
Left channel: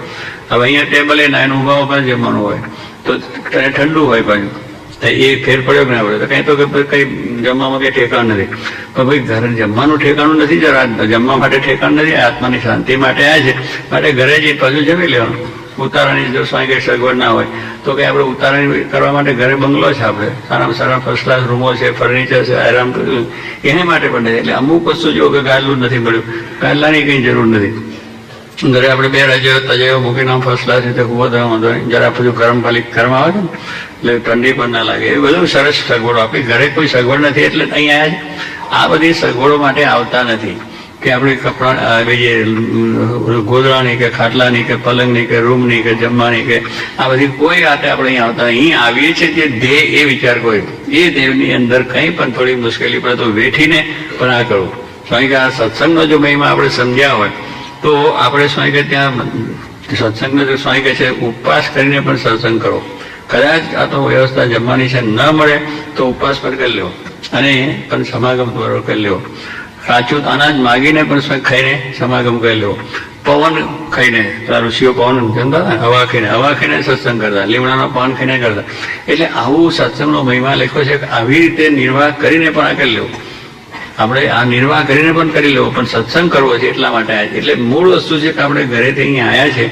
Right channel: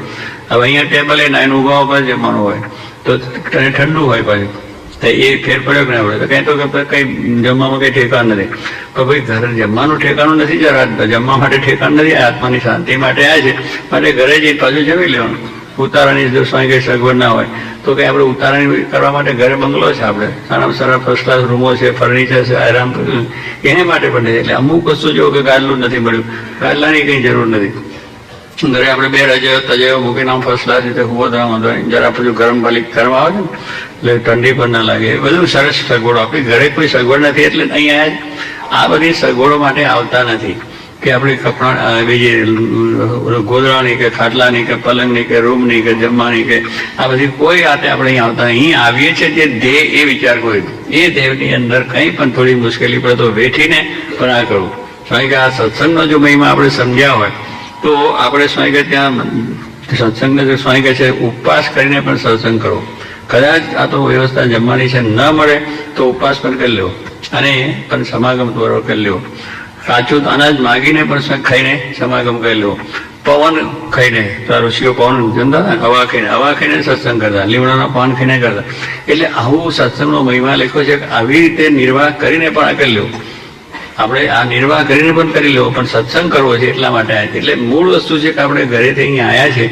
હવે અહીંયા ટેબલ એને ઊભા ઉપર જમવાનું હોય તો ઠંડુ હોય પાછું. એ ફેર પડ્યો કે ના પડે? કઈ તો કઈ જમવામાં કઈ ઠેકાણ નથી. પણ ભાઈ ઘરે જમવાનું ઠેકાણું નથી, જરા જમવા માટે ઠેકાણ નથી, આત્માની શાંતિ માટે આવ્યા છે માટે ઘરે જઈ પાછું જમી લેવાનું. ઉતારાની જો સ્વામી કઈ સગવડ ના હોય તો કઈ આપણે ઉતારણી કરવા માટે ઘરે બંગલો છે, આપણે સારા સરળ ફર્સ્ટ ક્લાસ રૂમો છે, ફર્નિચર છે, આરામ કર્યું એને માટે પણ નથી. એટલે અમુક વસ્તુ જેવું કે ગાદલું નથી મળ્યું, ગાદલાની કઈ જરૂર નથી. ઘરે આપણે બે રજાઓ મૂકીને આમ ફર્સ્ટ ક્લાસ રીતે ઉભો થવા વાંધો નહીં. જરા પછી ગરમ ગરમ આવે છે ને એટલે ઠંડી પણ ના લાગે. એ બધું સરસ સગવડો. આપણી ઘરે કોઈ સગવડ નથી એટલે અહીં આવ્યા છે. આ બધી સગવડો માટે આવતા નથી કે આપણે કપડા બીજી ગોદડાની કે ખાટલાની કે પલંગની કે રૂમની કે જમવાની કે આ બધી કોઈ વાતે આપણે અહીં આવતા. અહીં આવીએ છીએ તે દેહ એ વિચાર કોઈ એ દેહની અંદર કંઈ પણ થોડી મુશ્કેલી પડે તો વેઠીને પણ આ કરવું. સ્વામી કે આ સત્સંગનો જો મહિમા આપણે સમજ્યા હોય તો આપણે સ્વામી કે ત્યાં સત્સંગ સ્વામી કહે છે ઉપવાસ કરીને પણ સત્સંગ કરો. કદાચ આ તો વ્યવસ્થા જમવાની છે ન મળે તો ઉપવાસ પણ કરી લેવો અને પણ સમાગમ દ્વારા કરી લેવો. કાચું અનાજ માગીને પણ ખાઈને સમાગમ કરી લેવો. પવન ખાઈને, ઋષિઓ પવન જમતા હતા, હવા ખાઈને સત્સંગ કરતા, લીમડાના પાન ખાઈને કરતા. એટલે આવું સત્સંગનો મહિમા લખ્યો છે કે આવી રીતે નિર્વાહ કરીને પણ આ કરી લેવું. આપણે આ નિર્વાહ કરીને પણ કરી લેવો, પણ સત્સંગ કરવો છે એટલા માટે આવ્યા છે. એટલે મૂળ વસ્તુ છે કે આપણે ઘરેથી અહીંયા આવ્યા છે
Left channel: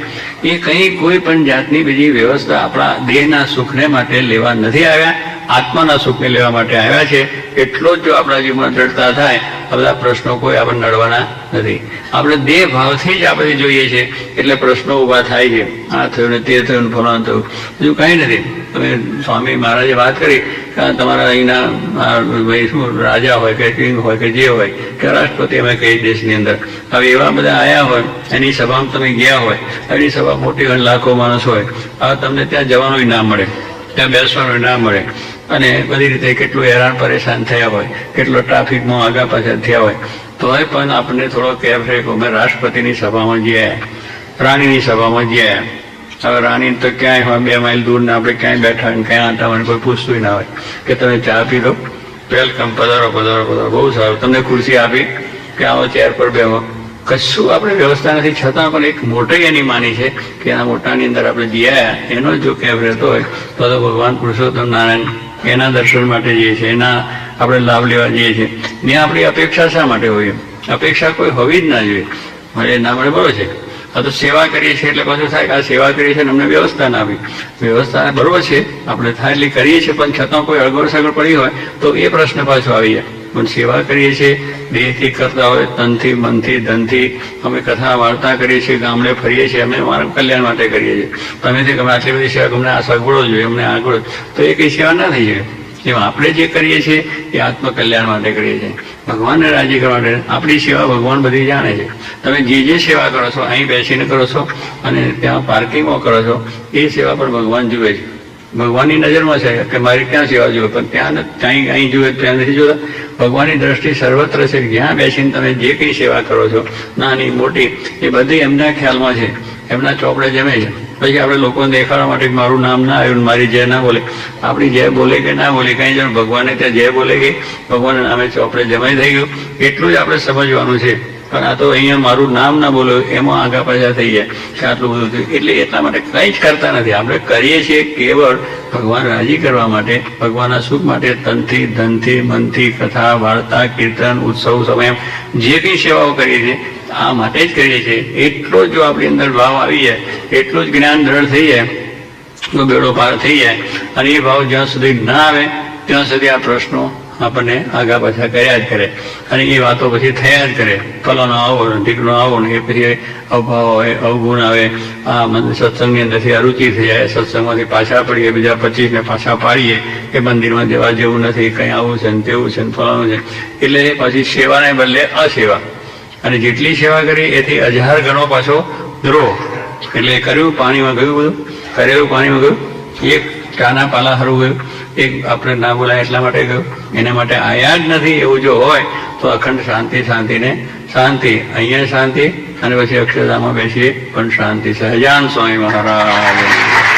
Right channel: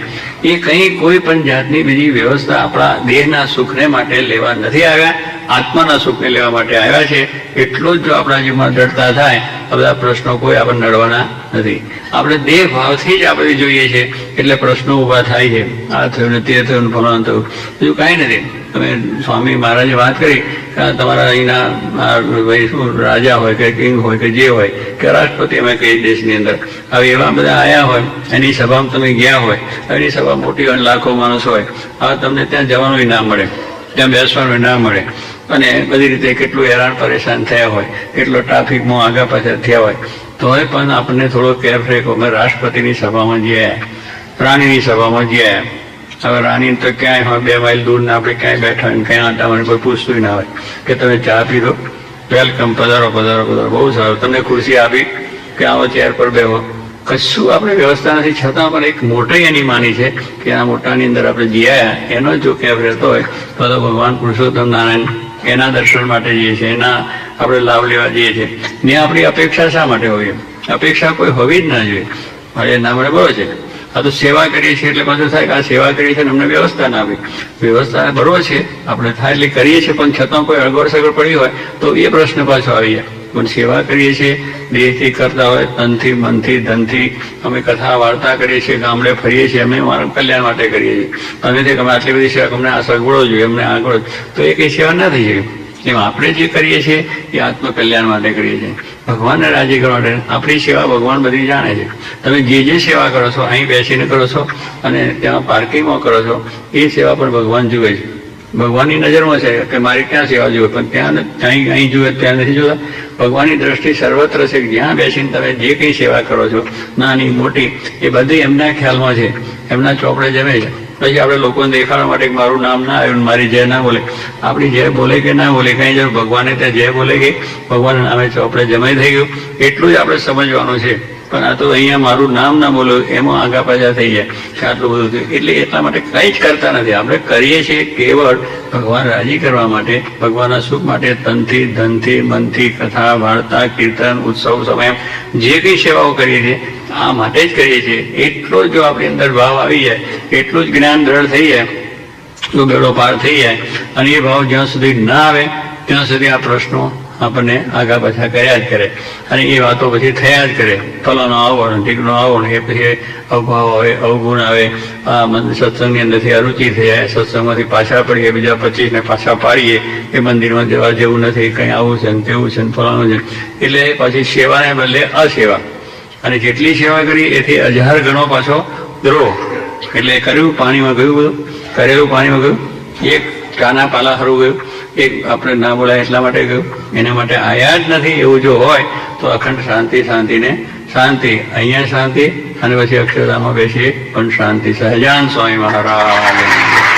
એ કંઈ કોઈ પણ જાતની બીજી વ્યવસ્થા આપણા દેહના સુખને માટે લેવા નથી આવ્યા, આત્માના સુખને લેવા માટે આવ્યા છે. એટલો જ જો આપણા જીવનમાં દ્રઢતા થાય આ બધા પ્રશ્નો કોઈ આપણને નડવાના નથી. આપણે દેહ ભાવથી જ આપણે જોઈએ છે એટલે પ્રશ્નો ઊભા થાય છે. આ થયું ને તે થયું ને ફલાણું થયું, બીજું કાંઈ નથી. તમે સ્વામી મહારાજે વાત કરી કે તમારા અહીંના રાજા હોય કે કિંગ હોય કે જે હોય કે રાષ્ટ્રપતિ અમે કઈ દેશની અંદર હવે એવા બધા આવ્યા હોય, એની સભામાં તમે ગયા હોય, એની સભા મોટી હોય, લાખો માણસ હોય, હવે તમને ત્યાં જવાનું ના મળે, ત્યાં બેસવાનું ના મળે, અને બધી રીતે કેટલું હેરાન પરેશાન થયા હોય, કેટલો ટ્રાફિકમાં આગા પાછળ થયા હોય, તોય પણ આપણને થોડો કેફ રેખો. અમે રાષ્ટ્રપતિની સભામાં જઈએ, રાણીની સભામાં જઈએ. હવે રાણી તો ક્યાંય હોય 2 માઇલ દૂર ને આપણે ક્યાંય બેઠા હોય, ક્યાંય આટાવાનું કોઈ પૂછતું ના હોય કે તમે ચા પી લો, વેલકમ, પધારો પધારો પધારો, બહુ સારું, તમને ખુરશી આપી કે આવો ચેર પર બેહો. કશું આપણે વ્યવસ્થા નથી, છતાં પણ એક મોટી એની માની છે કે આ મોટાની અંદર આપણે જીયા એનો જો કેફ રહેતો હોય તો ભગવાન પુરુષોત્તમ નારાયણ એના દર્શન માટે જઈએ છીએ, એના આપણે લાભ લેવા જઈએ છીએ. ને આપણી અપેક્ષા શા માટે હોય? અપેક્ષા કોઈ હોવી જ ના જોઈએ. મળે ના મળે બરોબર છે. આ તો સેવા કરીએ છીએ એટલે પાછું થાય આ સેવા કરીએ છીએ અમને વ્યવસ્થા ના આપી. વ્યવસ્થા બરોબર છે આપણે થાય એટલે કરીએ છીએ, પણ છતાં કોઈ અગવડ સગવડ પડી હોય તો એ પ્રશ્ન પાછો આવી જાય. પણ સેવા કરીએ છીએ દેહથી કરતા હોય, તનથી, મનથી, ધનથી અમે કથા વાર્તા કરીએ છીએ, ગામડે ફરીએ છીએ, અમે અમારા કલ્યાણ માટે કરીએ છીએ. તમે તે અમે આટલી બધી સેવા, અમને આ સગવડો જોઈએ, અમને આગળ, તો એ કઈ સેવા ના થઈ જોઈએ. એમ આપણે જે કરીએ છીએ એ આત્મકલ્યાણ માટે કરીએ છીએ, ભગવાનને રાજી કરવા માટે. આપણી સેવા ભગવાન બધી જાણે છે. તમે જે સેવા કરો છો અહીં બેસીને કરો છો અને ત્યાં પાર્કિંગમાં કરો છો એ સેવા પણ ભગવાન જુએ છે. ભગવાનની નજરમાં છે કે મારી ક્યાં સેવા જુએ, પણ ત્યાં અહીં જુએ ત્યાં નથી જોતા. ભગવાનની દ્રષ્ટિ સર્વત્ર છે. જ્યાં બેસીને તમે જે કંઈ સેવા કરો છો નાની મોટી એ બધી એમના ખ્યાલમાં છે, એમના ચોપડે જમે છે. પછી આપણે લોકોને દેખાડવા માટે મારું નામ ના આવ્યું, મારી જય ના બોલે, આપણી જય બોલે કે ના બોલે કઈ જરૂર, ભગવાને ત્યાં જય બોલે કે ભગવાન નામે ચોપડે જમાઈ થઈ ગયું એટલું જ આપણે સમજવાનું છે. પણ આ તો અહીંયા મારું નામ ના બોલ્યું એમાં આગા પાછા થઈ જાય કે આટલું બધું થયું. એટલે એટલા માટે કંઈ જ કરતા નથી. આપણે કરીએ છીએ કેવળ ભગવાન રાજી કરવા માટે, ભગવાનના સુખ માટે, તનથી, ધનથી, મનથી, કથા વાર્તા, કીર્તન, ઉત્સવ, સમય જે કંઈ સેવાઓ કરીએ છીએ આ માટે જ કરીએ છીએ. એટલો જ જો આપણી અંદર ભાવ આવી જાય, એટલું જ જ્ઞાન દ્રઢ થઈ જાય તો બેડો પાર થઈ જાય. અને એ ભાવ જ્યાં સુધી ના આવે ત્યાં સુધી આ પ્રશ્નો આપણને આગા પાછા કર્યા જ કરે અને એ વાતો પછી થયા જ કરે. ફલાનો આવો ને ઢીકણો આવો ને એ પછી અભાવ આવે, અવગુણ આવે, આ સત્સંગની અંદરથી અરુચિ થઈ જાય, સત્સંગમાંથી પાછા પડીએ, બીજા 25 ને પાછા પાડીએ કે મંદિરમાં જવા જેવું નથી, કંઈ આવું છે ને તેવું છે ને ફલાણું છે. એટલે પછી સેવાને બદલે અસેવા, અને જેટલી સેવા કરી એથી 1000 ગણો પાછો દ્રોહ. એટલે કર્યું પાણીમાં ગયું, બધું કરેલું પાણીમાં ગયું, એક ચાના પાલા હારું ગયું, એક આપણે ના બોલાય એટલા માટે ગયું, એના માટે આયા જ નથી. એવું જો હોય તો અખંડ શાંતિ, શાંતિને શાંતિ, અહીંયા શાંતિ અને પછી અક્ષરધામમાં બેસીએ પણ શાંતિ. સહજાન સ્વામી મહારાજ.